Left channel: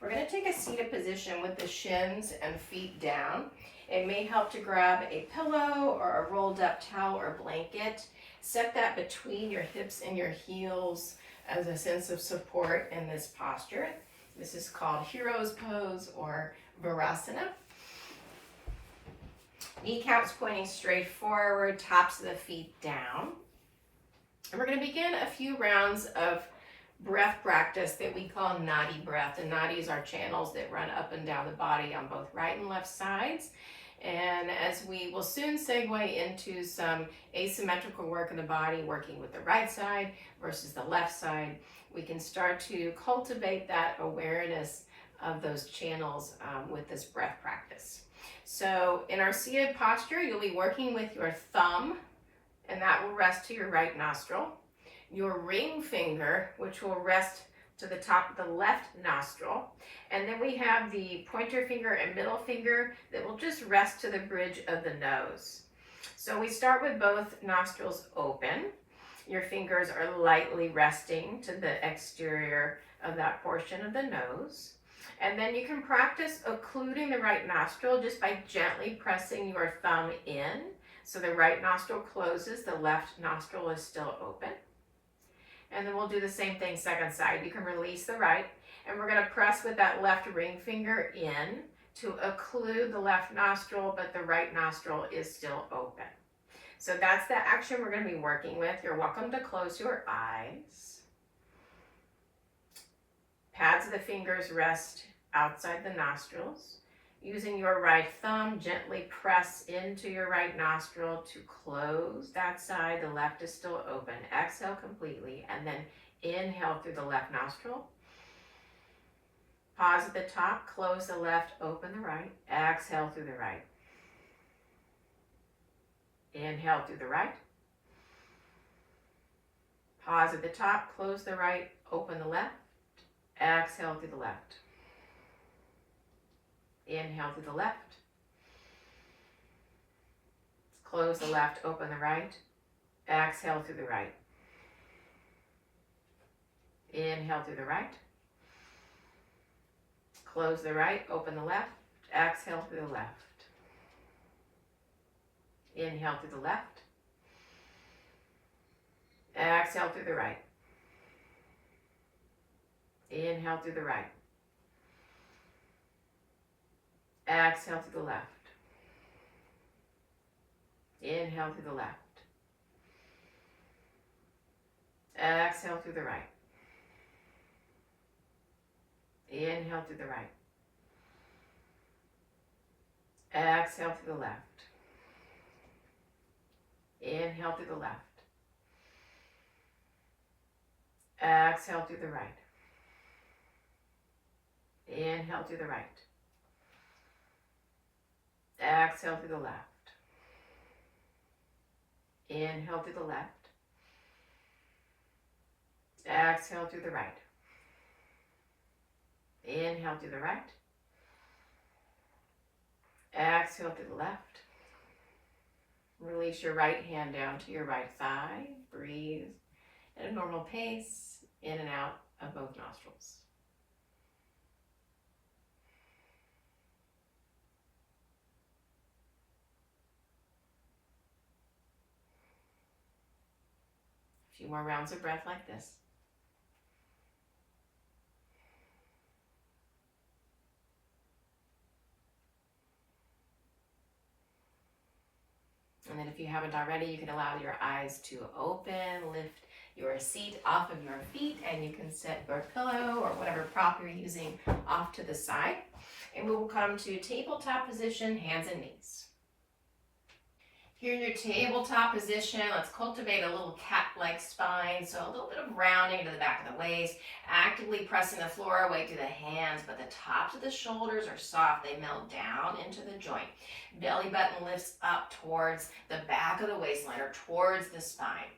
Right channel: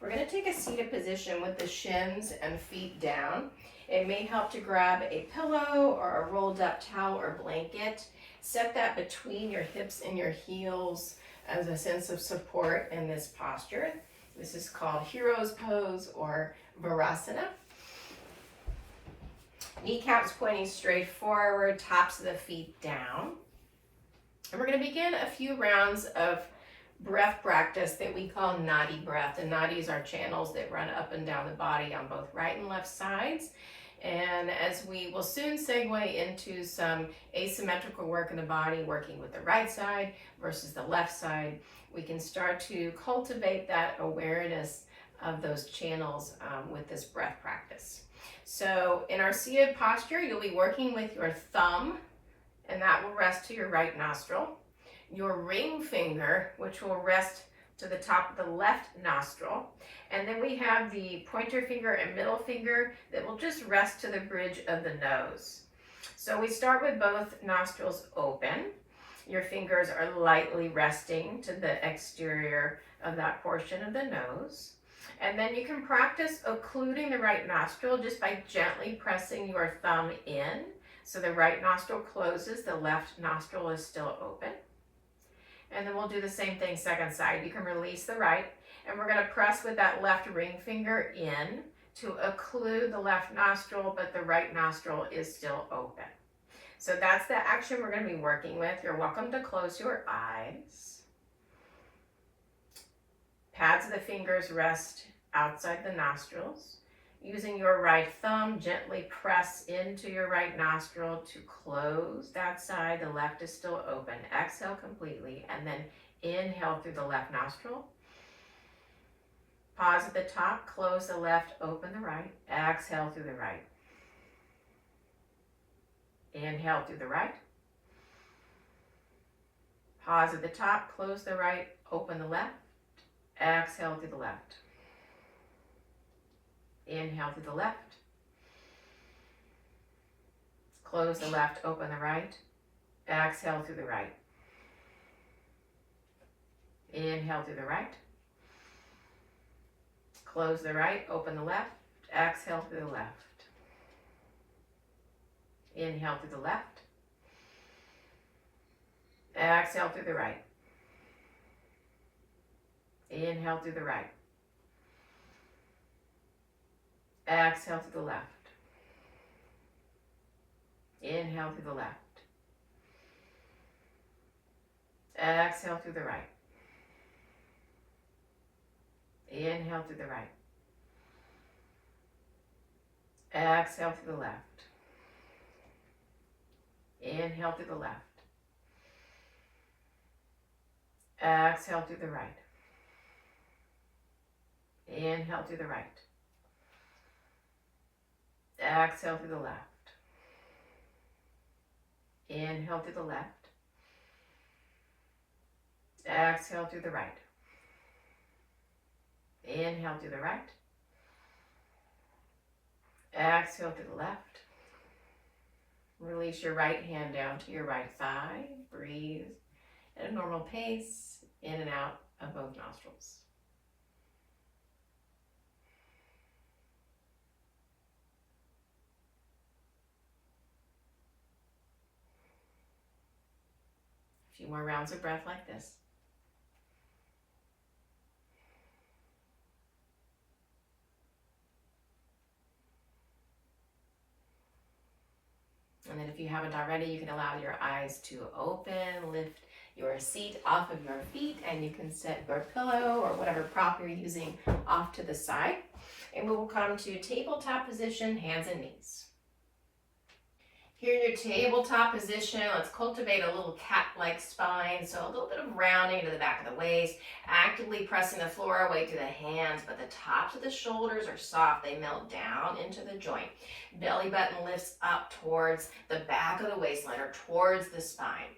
We're going to take a seated position with the shins and feet down. It may help to grab a pillow or a rolled up towel or blanket. Set that between your hips and your heels as a sense of support in this posture. This is called Hero's Pose or Virasana. Kneecaps pointing straight forward, tops of the feet down. And we're going to begin a few rounds of breath practice that we call Nadi Breath. And nadis are channels that run up and down the body on both right and left sides. And as we will soon segue into some asymmetrical work in the body, working with the right side versus the left side, we can start to cultivate that awareness of those channels with this breath practice. So in our seated posture, you'll be working with your thumb, and that will rest to your right nostril. Your ring finger, which will rest to the top of the left nostril. And then we have the pointer finger and middle finger that will just rest to the bridge of the nose. So we start with both nostrils open. Your fingers are lightly resting to the exterior of that portion of the nose. And then you can practice occluding the right nostril just by gently pressing your thumb in. So the right nostril closes, the left nostril is still open. And then we'll do the same thing second side. You can release the right, and we're going to press with that left ring finger in to occlude the left nostril, but the right nostril is still open. So that's the action we're going to be working with. You're welcome to close your eyes. Pads of the fingers rest outside the nostrils. Using your right thumb, gently press into your right nostril to close that side. The left is still open. Exhale completely, and then inhale through the left nostril. Pause at the top, close the left, open the right. Exhale through the right. Inhale through the right. Pause at the top, close the right, open the left. Exhale through the left. Inhale through the left. Close the left, open the right. Exhale through the right. Inhale through the right. Close the right, open the left. Exhale through the left. Inhale through the left. Exhale through the right. Inhale through the right. Exhale to the left. Inhale to the left. Exhale to the right. Inhale to the right. Exhale to the left. Inhale to the left. Exhale to the right. Inhale to the right. Exhale to the left. Inhale to the left. Exhale to the right. Inhale to the right. Exhale to the left. Release your right hand down to your right thigh. Breathe at a normal pace, in and out of both nostrils. A few more rounds of breath like this. And then if you haven't already, you can allow your eyes to open, lift your seat off of your feet, and you can set your pillow or whatever prop you're using off to the side. And we will come to tabletop position, hands and knees. Here in your tabletop position, let's cultivate a little cat-like spine. So a little bit of rounding to the back of the waist, actively pressing the floor away to the hands, but the tops of the shoulders are soft. They melt down into the joint. Belly button lifts up towards the back of the waistline or towards the spine.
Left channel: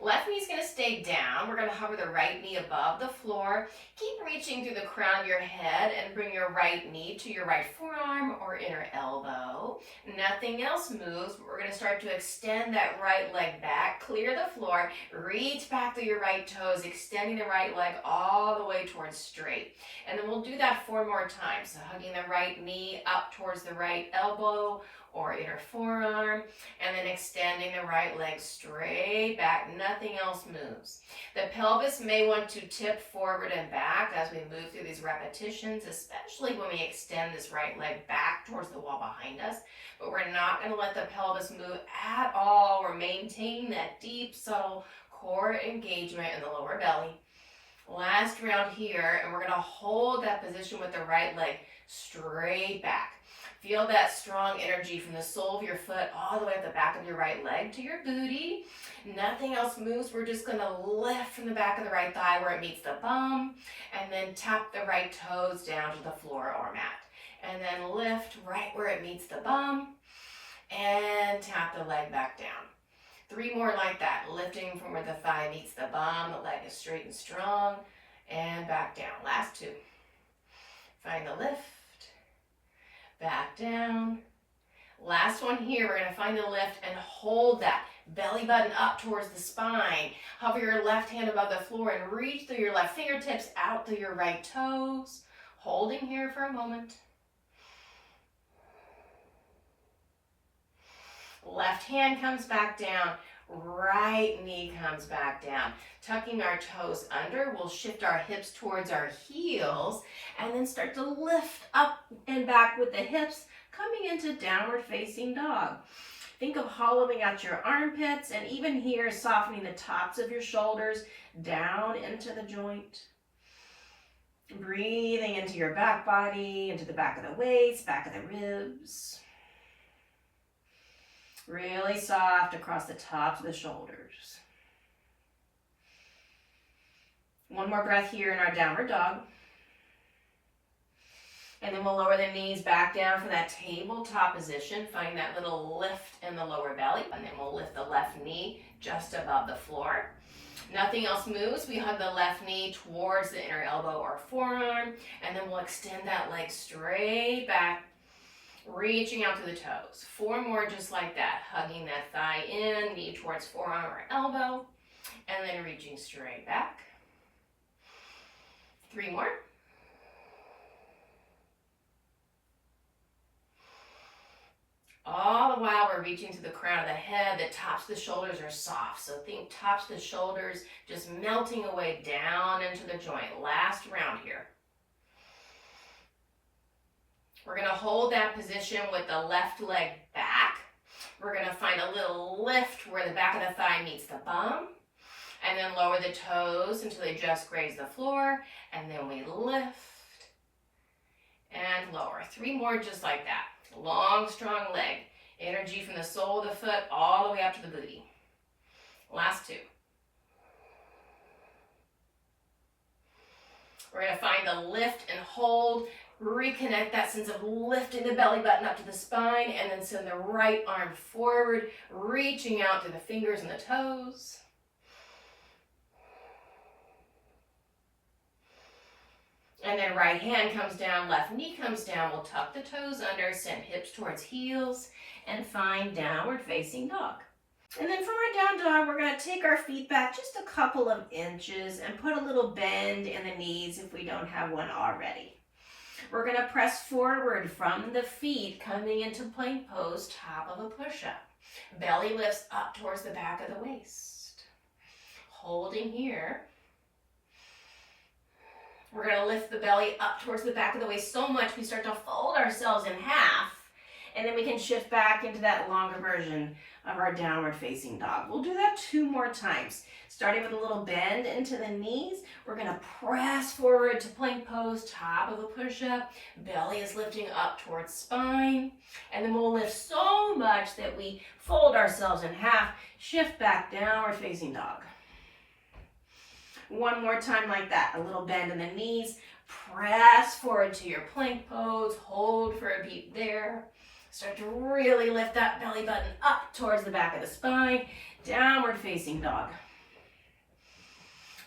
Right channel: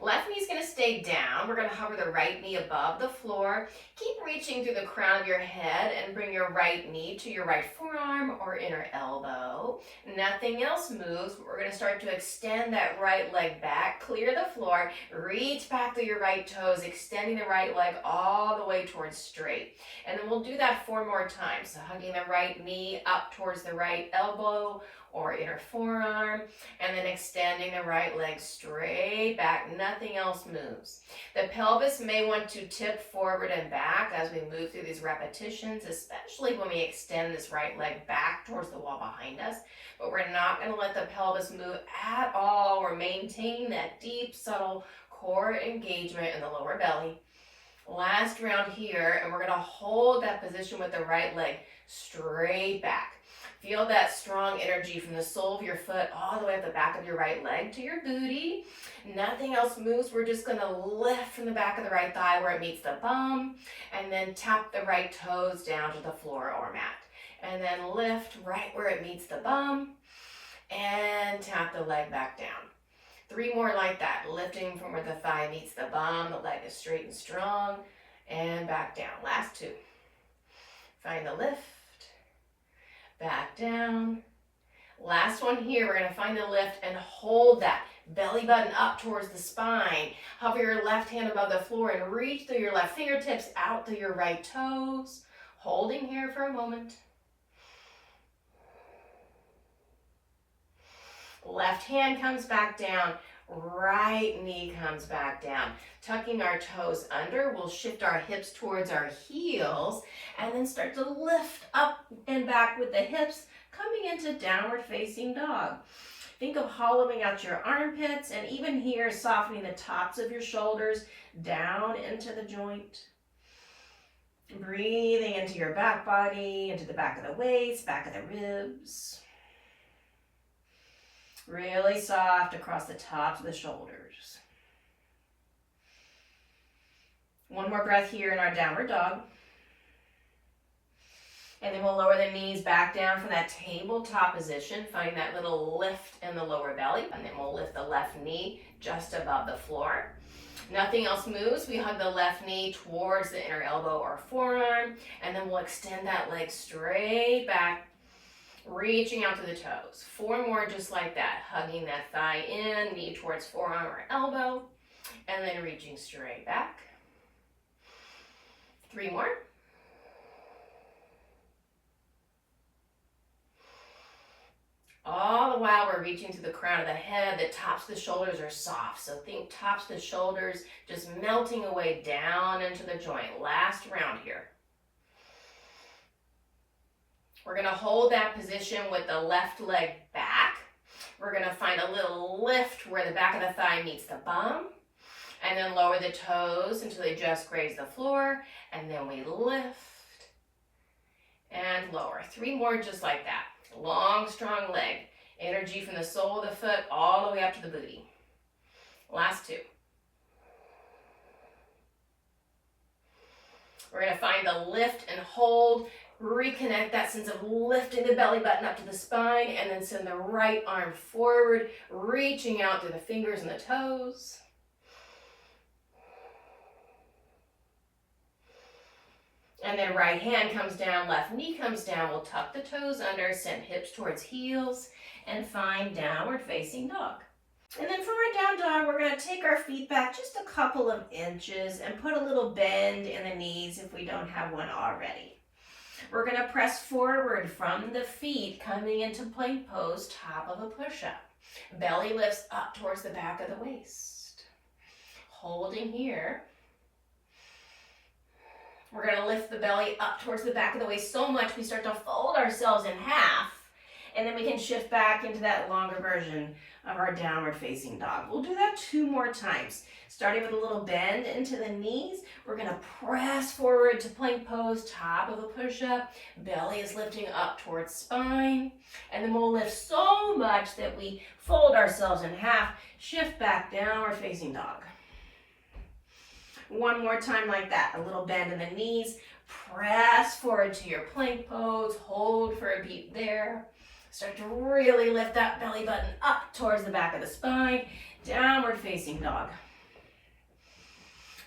Left knee's gonna stay down. We're gonna hover the right knee above the floor. Keep reaching through the crown of your head and bring your right knee to your right forearm or inner elbow. Nothing else moves. We're gonna start to extend that right leg back, clear the floor, reach back through your right toes, extending the right leg all the way towards straight. And then we'll do that 4 more times. So hugging the right knee up towards the right elbow or inner forearm, and then extending the right leg straight back. Nothing else moves. The pelvis may want to tip forward and back as we move through these repetitions, especially when we extend this right leg back towards the wall behind us. But we're not going to let the pelvis move at all. We're maintaining that deep, subtle core engagement in the lower belly. Last round here, and we're going to hold that position with the right leg straight back. Feel that strong energy from the sole of your foot all the way up the back of your right leg to your booty. Nothing else moves. We're just going to lift from the back of the right thigh where it meets the bum, and then tap the right toes down to the floor or mat. And then lift right where it meets the bum, and tap the leg back down. 3 more like that, lifting from where the thigh meets the bum, the leg is straight and strong, and back down. Last 2. Find the lift. Back down. Last one here, we're going to find the lift and hold that belly button up towards the spine. Hover your left hand above the floor and reach through your left fingertips out through your right toes. Holding here for a moment. Left hand comes back down. Right knee comes back down. Tucking our toes under, we'll shift our hips towards our heels and then start to lift up and back with the hips, coming into downward facing dog. Think of hollowing out your armpits, and even here, softening the tops of your shoulders down into the joint. Breathing into your back body, into the back of the waist, back of the ribs. Really soft across the tops of the shoulders. 1 more breath here in our downward dog. And then we'll lower the knees back down from that tabletop position. Find that little lift in the lower belly. And then we'll lift the left knee just above the floor. Nothing else moves. We hug the left knee towards the inner elbow or forearm. And then we'll extend that leg straight back, reaching out to the toes. 4 more just like that. Hugging that thigh in, knee towards forearm or elbow. And then reaching straight back. 3 more. All the while we're reaching to the crown of the head, the tops of the shoulders are soft. So think tops of the shoulders just melting away down into the joint. Last round here. We're going to hold that position with the left leg back. We're going to find a little lift where the back of the thigh meets the bum. And then lower the toes until they just graze the floor. And then we lift and lower. 3 more just like that. Long, strong leg. Energy from the sole of the foot all the way up to the booty. Last 2. We're going to find the lift and hold. Reconnect that sense of lifting the belly button up to the spine, and then send the right arm forward, reaching out through the fingers and the toes. And then right hand comes down, left knee comes down. We'll tuck the toes under, send hips towards heels, and find downward facing dog. And then for our down dog, we're going to take our feet back just a couple of inches and put a little bend in the knees if we don't have one already. We're going to press forward from the feet, coming into plank pose, top of a push-up. Belly lifts up towards the back of the waist. Holding here. We're going to lift the belly up towards the back of the waist so much we start to fold ourselves in half. And then we can shift back into that longer version of our downward facing dog. We'll do that 2 more times. Starting with a little bend into the knees, we're going to press forward to plank pose, top of a push-up. Belly is lifting up towards spine. And then we'll lift so much that we fold ourselves in half, shift back, downward facing dog. 1 more time like that. A little bend in the knees, press forward to your plank pose, hold for a beat there. Start to really lift that belly button up towards the back of the spine, downward facing dog.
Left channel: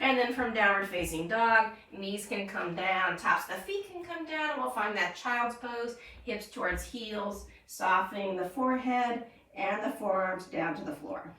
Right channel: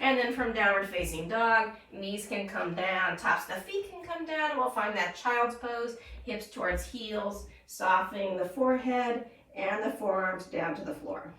And then from downward facing dog, knees can come down, tops of the feet can come down, and we'll find that child's pose, hips towards heels, softening the forehead and the forearms down to the floor.